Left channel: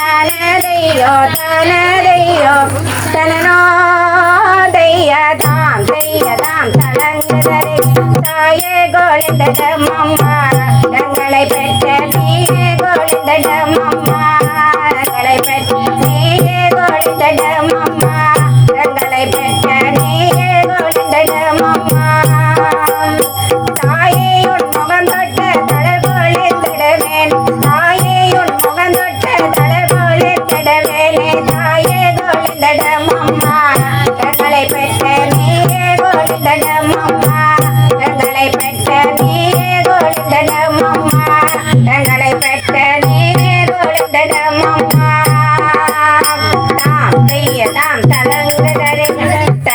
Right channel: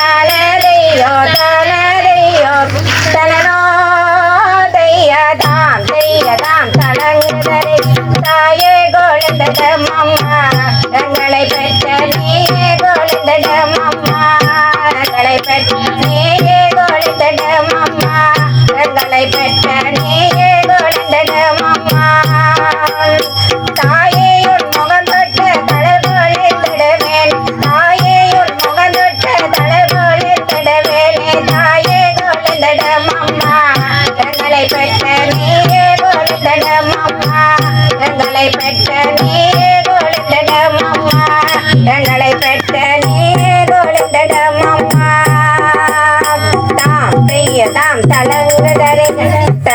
தனதையோ தனதையோ தனனோதைய தாம் தெய்ய தாம் தனங்குதரை தாயே கோழிந்தடம் அம்மா எங்களை பெற்ற நீயே கோழிந்தடம்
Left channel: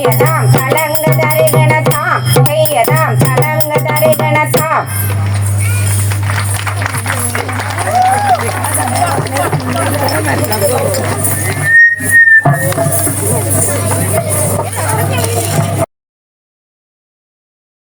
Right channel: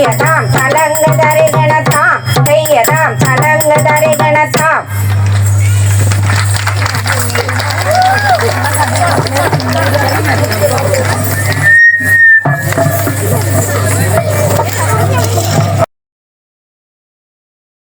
Yeah.